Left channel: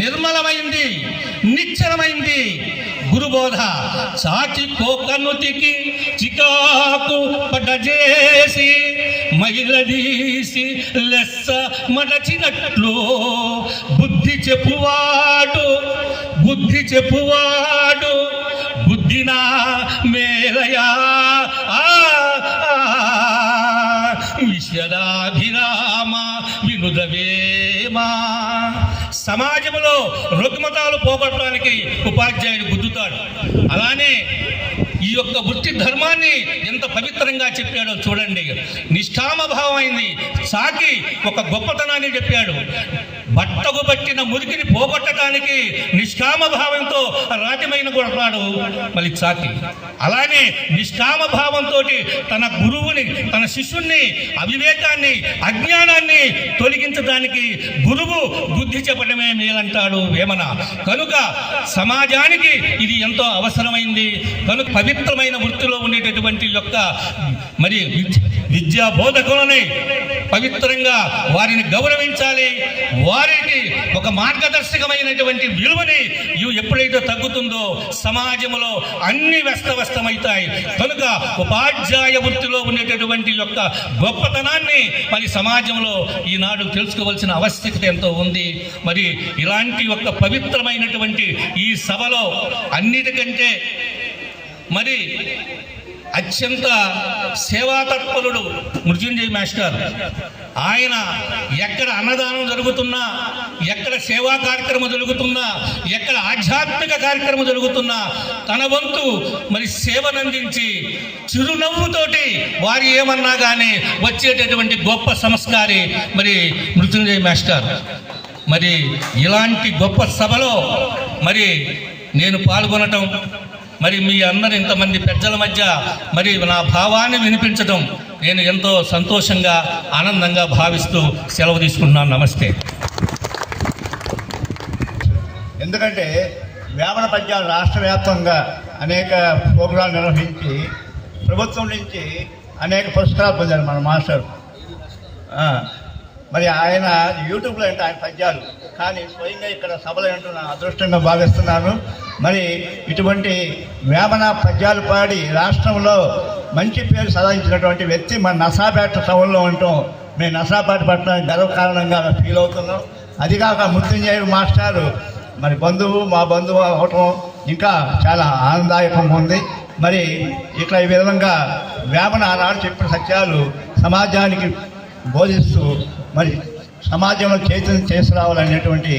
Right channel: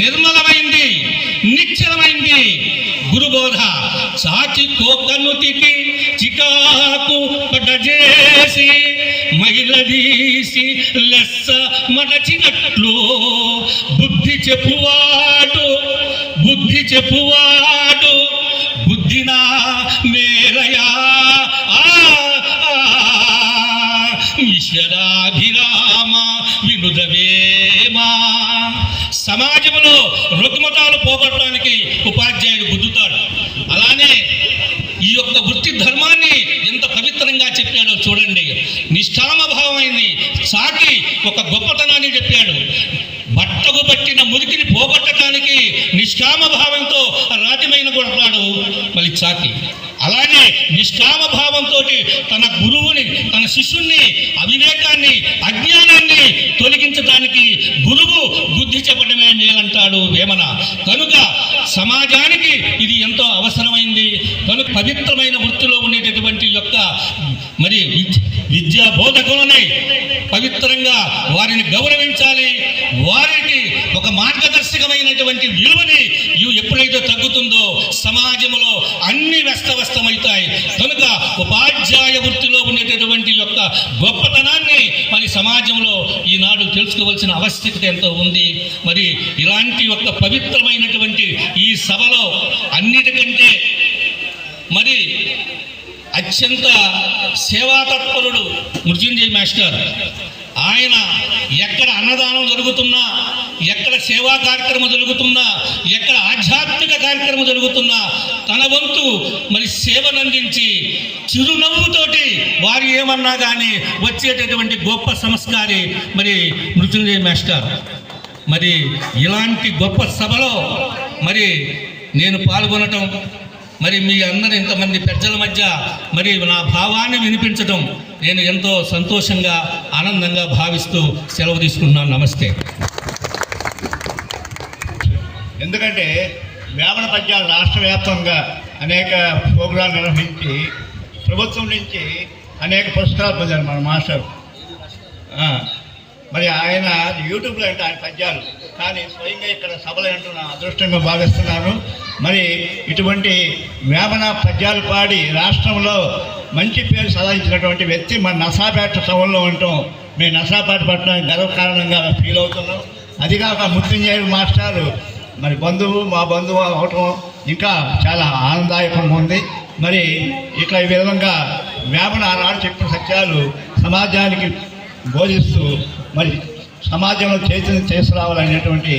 నిర్మలమైంది, నిశ్చలమైంది గురుబోధ. చాచి కోకనుతికి చికాకు పడజేసి మైలదీసి లెస్స మడచినట్లు బుద్ధి చెప్పువాడు బుద్ధినా మేలయా ఈశ్వరాభిరామ వినుదవేమా. సమాజంలో రుగ్మతాలు పోగొట్టడానికి ఉపాధ్యాయుడు గుద్దుతాడు. అలానే ఈ యొక్క వృత్తి ధర్మాన్ని ఎంత పవిత్రంగా చెప్పాడో చూడండి. నిష్ఠామభావమైంది సాటి ఒక గొప్పతనాన్ని చెప్పాడు. బట్టకు పట్టిన మురికిని పోగొట్టడానికి నిష్కామభావంతో రాతిమైన కొడతాడు మళ్ళీ చాకి. అలానే నిష్కామభావంతో తన గురువుని, తన శిష్యుణ్ణి, అవివేకాన్ని, అజ్ఞానాన్ని తొలగించడానికి గురువు బుద్ధి చెప్పడమే మేలంటాడు వేమన. కనుక సమాజానికి ఇది ఎంతో అవసరమైంది. కనుక పవిత్రమైన వృత్తిలో ఉండేటటువంటి యొక్క మరి విద్యా బోధకులని పవిత్రంగా వారిని గౌరవించాలి. వారికి ఒక మార్గదర్శకమైనటువంటి విలువని ఎప్పుడైతే తగ్గుతుందో సమాజంలో అన్ని వ్యస్తమవుతాయి. కనుక ఉపాధ్యాయ వృత్తిలో ఉండేటటువంటి యొక్క గొప్పతనాన్ని మరి సమాజంలో ఈనాడు తెలుసుకోవాల్సిన ఆవశ్యకత ఎంతో ఉంది. మరి ఇలాంటి యొక్క పవిత్రమైనటువంటి ఈ సభలో అన్నిటికంటే మరి అత్యంత సేవాతత్పరుడు మృత్యుంజయ మాస్టర్. ఆయన ఎక్కడ అన్నదానం జరుగుతున్నా, ఎక్కడ సేవా కార్యక్రమం జరుగుతున్నా, ఎక్కడ ఆధ్యాత్మిక కార్యక్రమం జరుగుతున్నా తన వంతు మరి సేవనందించి చిరునవ్వుతోటి వారు ఏమన్నా కానీ వచ్చేటటువంటి గొప్ప సంస్కారి మరి మృత్యుంజయ మాస్టర్. మరి ఇలాంటి గొప్ప సభలో మరి నేను పాల్గొనటం, మరి మీ అందరు ఇంతమంది పెద్దల మధ్య మరి నా భావాన్ని వినిపించడం నేను ఎంతో సంతోషంగా, ఆనందంగా భావిస్తూ సెలవు తీసుకుంటున్నాను. నమస్తే. ఎందుకంటే వేమన పద్యాలు రాష్ట్ర వ్యాప్తంగా అనేక ప్రోగ్రాలు నిర్వహించి ప్రభుత్వం నుంచి అనేక పురస్కారాలు పొందారు మన మాస్టర్. మరి ఆయన యూట్యూబ్లో అంటే ఆయన పద్యాలు, కానీ స్వయంగా ఇక్కడ సభలు అంటూ నా అదృష్టంగా భావిస్తున్నాను. మరి ఇటువంటి వేమన పద్యాలు పాడి రాష్ట్రంలో మంచి పేరు సాధించినటువంటి వ్యక్తి మన నర్సాపేట సభల్లో ఉంటాం. మేము నర్సాపేట పట్టణానికి గర్వకారణంగా ఫీల్ అవుతున్నాం. అదిగాక మృత్యుంజయ మాస్టారు మరి బంధువు, మా బంధువు అవటం ఇంకా చాలా ఆనందదాయకంగా ఉంది. మరి ఇట్లా ఈ విధంగా వేమన ఆనాడు చెప్పిన సత్యాలు సమాజానికి బోధిస్తూ మరి సమాజంలో చైతన్యం తీసుకురావాలనేటువంటి